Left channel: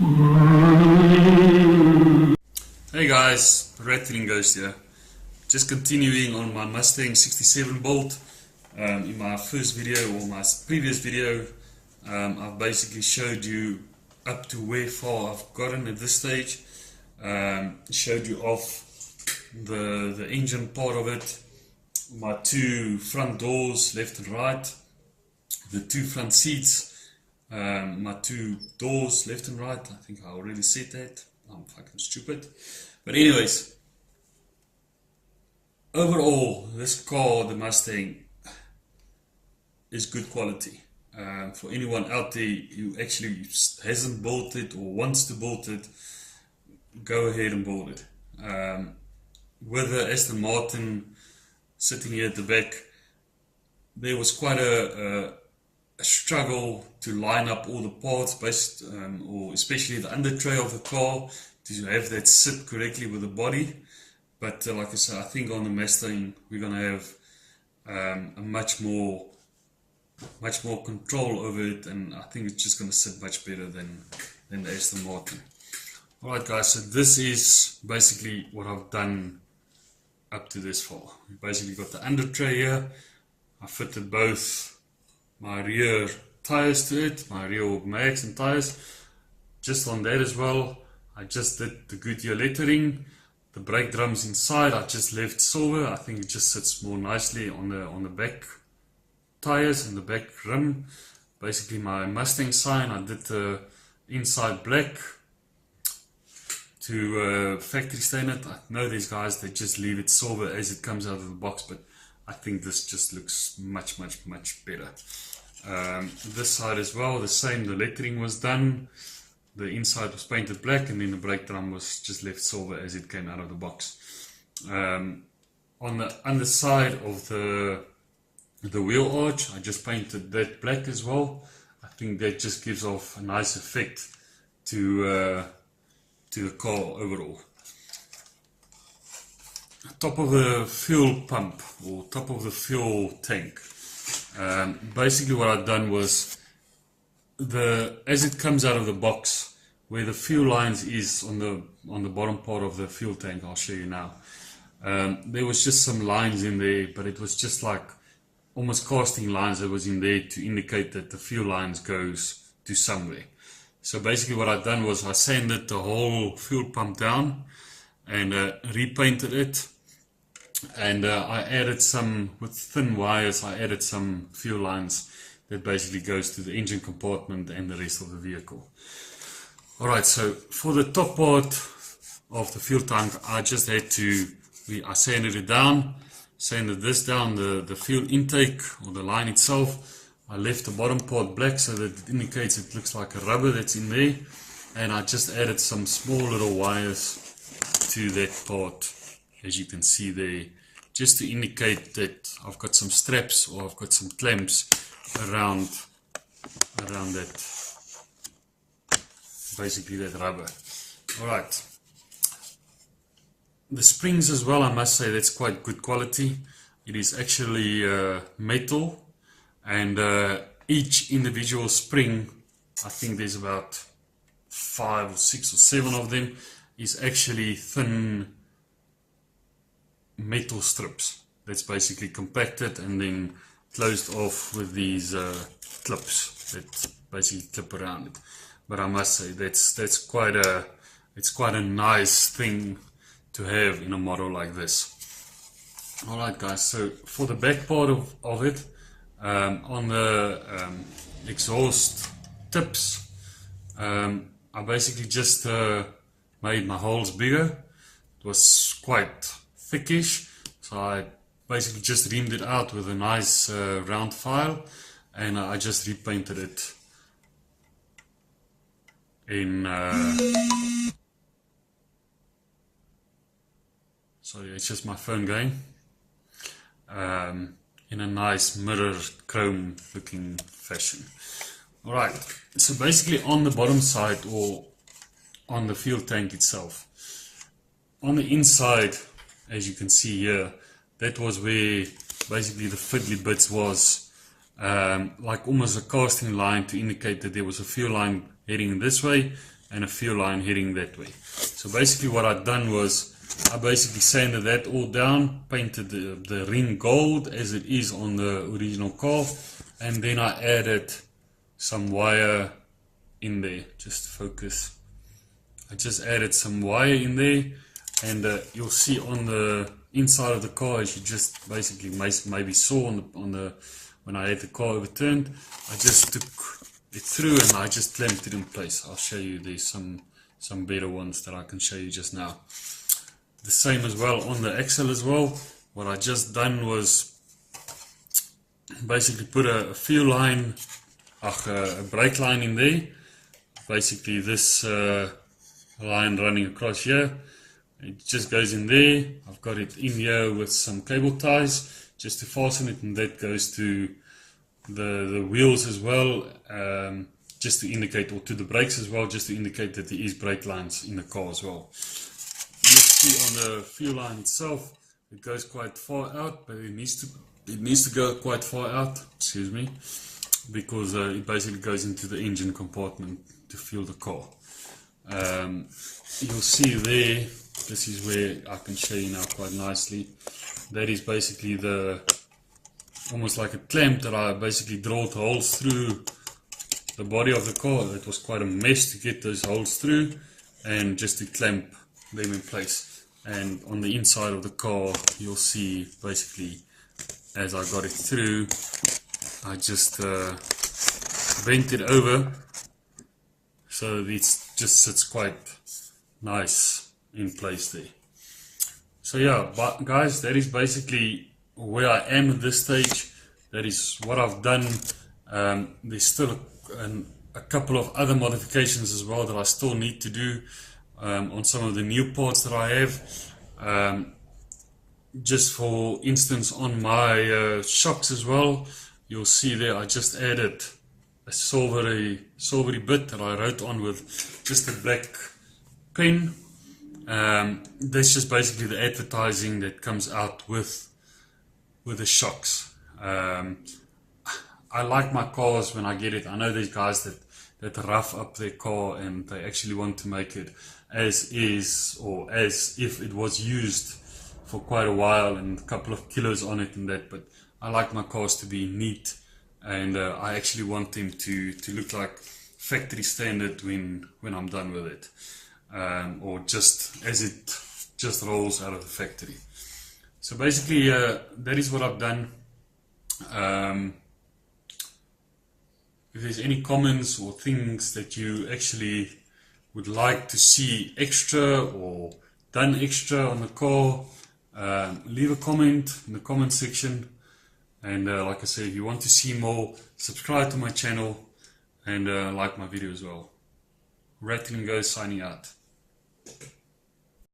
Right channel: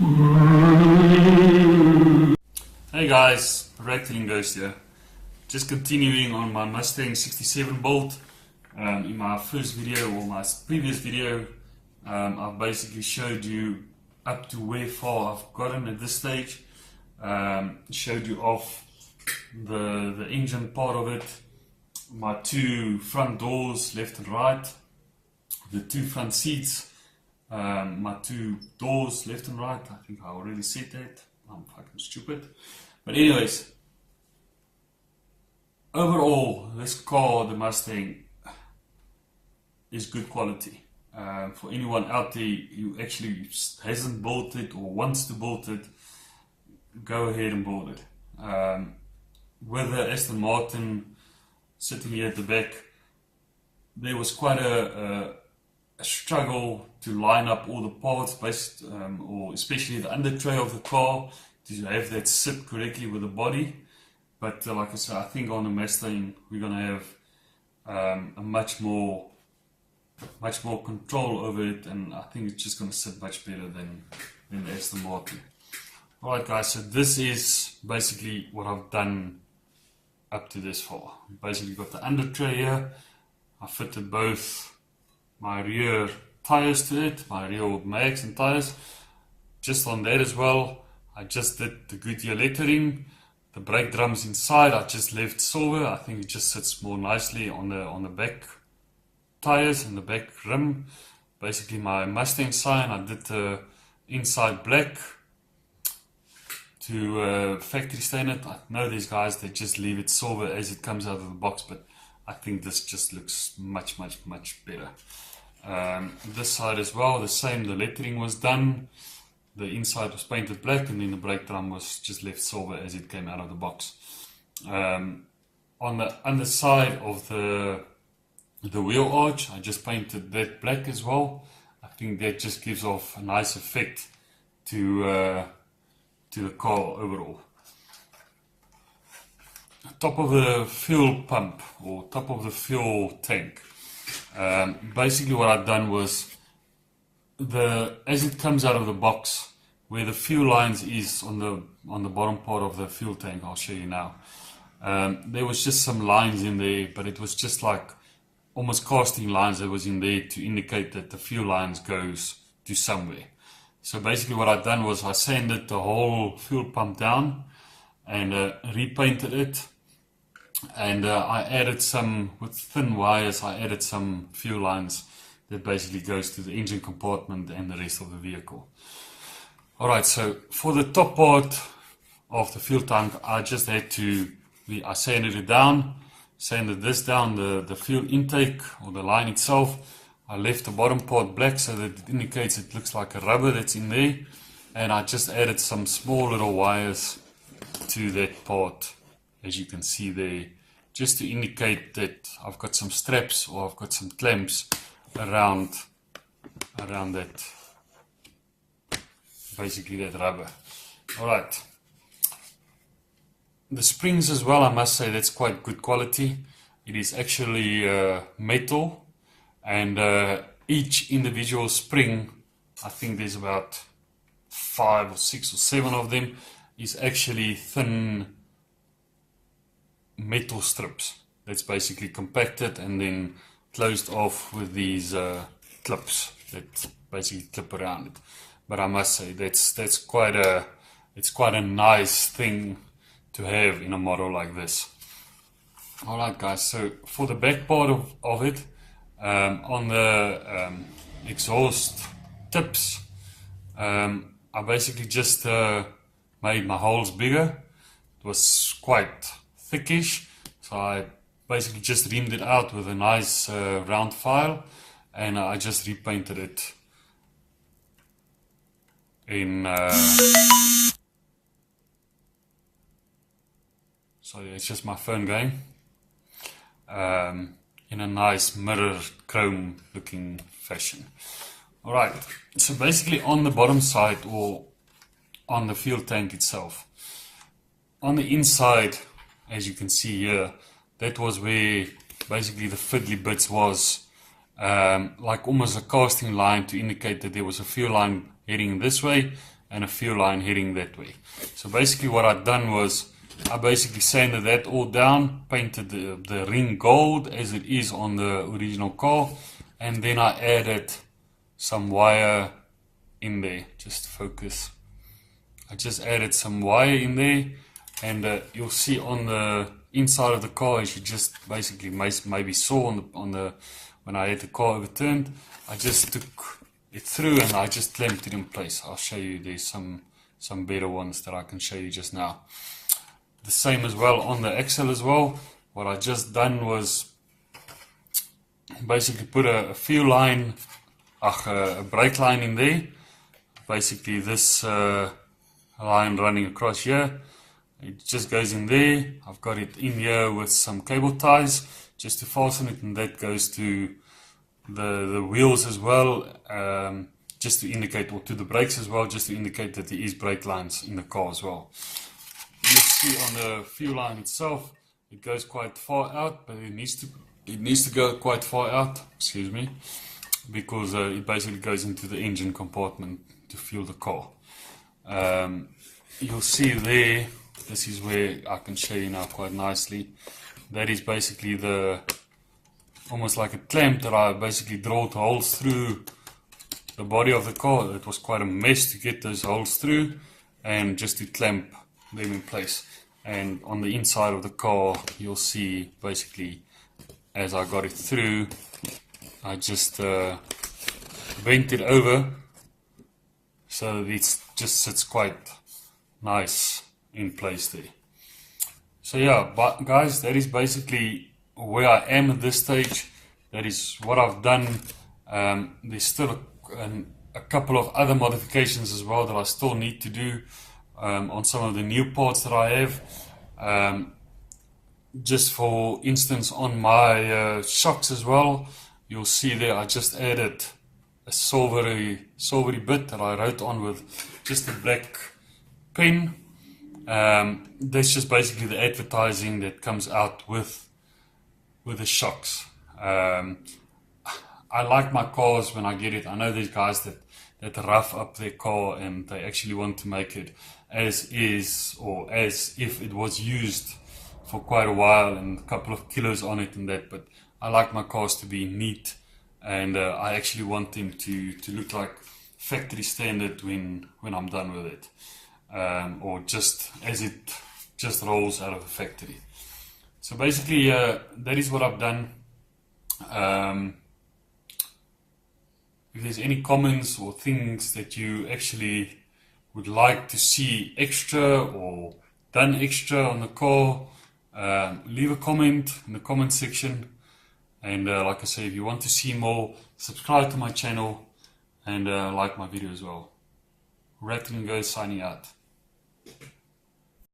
Hey guys, Rattling Ghost here. Just continuing on my Mustang 67 build. In my first video or my previous video, I've basically showed you up to where far I've gotten at this stage. Showed you off the engine part of it, my two front doors left and right, the two front seats, my two doors left and right. I think I already said that. I'm fucking stupid. But anyways, overall, this car, the Mustang, is good quality. For anyone out there who actually hasn't built it or wants to build it, go ahead and build it. With the Aston Martin sitting here at the back, there was quite a struggle to line up all the parts based, or especially the under tray of the car, to have that sit correctly with the body. But like I said, I think on the Mustang we're going to have a much more control over it, and I think it's just going to sit much better than the Aston Martin. Alright guys, so this is basically what I've done up to this far. We basically got the under tray here. I fitted both my rear tires to it, my rear mags and tires. Just on that as well, I just did the Goodyear lettering. The brake drums inside I just left silver. I think it just sits more nicely on the back tires and the back rim. Basically my Mustang sign, I did the inside black to factory stain it. I know these guys, they just leave it silver as it comes out of the box, but I think this just looks much better. This side as well, the same, the lettering was done, the inside was painted black, and then the brake drum was just left silver as it came out of the box. On the underside of the wheel arch, I just painted that black as well. I think that just gives off a nice effect to the car overall. Top of the fuel pump, or top of the fuel tank. Basically what I've done was, as it comes out of the box, where the fuel lines is on the bottom part of the fuel tank, I'll show you now. There was just some lines in there, but it was just like almost casting lines that was in there to indicate that the fuel lines goes to somewhere. So basically what I've done was I sanded the whole fuel pump down and repainted it. And I added some, with thin wires, I added some fuel lines that basically goes to the engine compartment and the rest of the vehicle. Alright, so for the top part of the fuel tank, I just had to, I sanded it down, sanded this down, the fuel intake or the line itself. I left the bottom part black so that it indicates it looks like a rubber that's in there. And I just added some small little wires to that part, as you can see there, just to indicate that I've got some straps or I've got some clamps around that, basically that rubber. Alright, the springs as well, I must say that's quite good quality. It is actually metal, and each individual spring, I think there's about 5 or 6 or 7 of them, is actually thin metal strips that's basically compacted and then closed off with these clips that basically clip around it. But I must say that's quite a nice thing to have in a model like this. Alright guys, so for the back part of it, on the exhaust tips, I basically just made my holes bigger. It was quite thickish, so I basically just reamed it out with a nice round file, and I just repainted it in sorry, it's just my phone going, in a nice mirror chrome looking fashion. Alright, so basically on the bottom side, or on the fuel tank itself, on the inside, as you can see here, that was where basically the fiddly bits was, like almost a casting line to indicate that there was a fuel line heading this way, and a fuel line heading that way. So basically what I've done was I basically sanded that all down, painted the ring gold as it is on the original car, and then I added some wire in there. Just focus. I just added some wire in there, and you'll see on the inside of the car, as you just basically maybe saw on the when I had the car overturned, I just took it through and I just clamped it in place. I'll show you, there's some better ones that I can show you just now. The same as well on the axle as well. What I just done was basically put a fuel line, a brake line in there. Basically this line running across here, it just goes in there. I've got it in here with some cable ties just to fasten it, and that goes to the wheels as well, just to indicate, or to the brakes as well, just to indicate that there is brake lines in the car as well. You see on the fuel line itself, it goes quite far out, but it needs to go quite far out, excuse me, because it basically goes into the engine compartment to fuel the car. You'll see there, this is where I can show you now quite nicely. That is basically almost like a clamp that I basically drilled holes through the body of the car. It was quite a mess to get those holes through, and just to clamp them in place. And on the inside of the car, you'll see basically as I got it through, I just bent it over so it just sits quite nice in place there. So yeah, but guys, that is basically where I am at this stage. That is what I've done. There's still a couple of other modifications as well that I still need to do on some of the new parts that I have. Just for instance, on my shocks as well, you'll see there I just added a silvery bit that I wrote on with just a black pen. That's just basically the advertising that comes out with the shocks. I like my cars when I get it. I know there's guys that rough up their car and they actually want to make it as is, or as if it was used for quite a while and a couple of kilos on it and that, but I like my cars to be neat, and I actually want them to look like factory standard when I'm done with it, or just as it just rolls out of the factory. So basically that is what I've done. If there's any comments or things that you actually would like to see extra or done extra on the car, leave a comment in the comment section. And like I say, if you want to see more, subscribe to my channel and like my video as well. Rattling Goes signing out.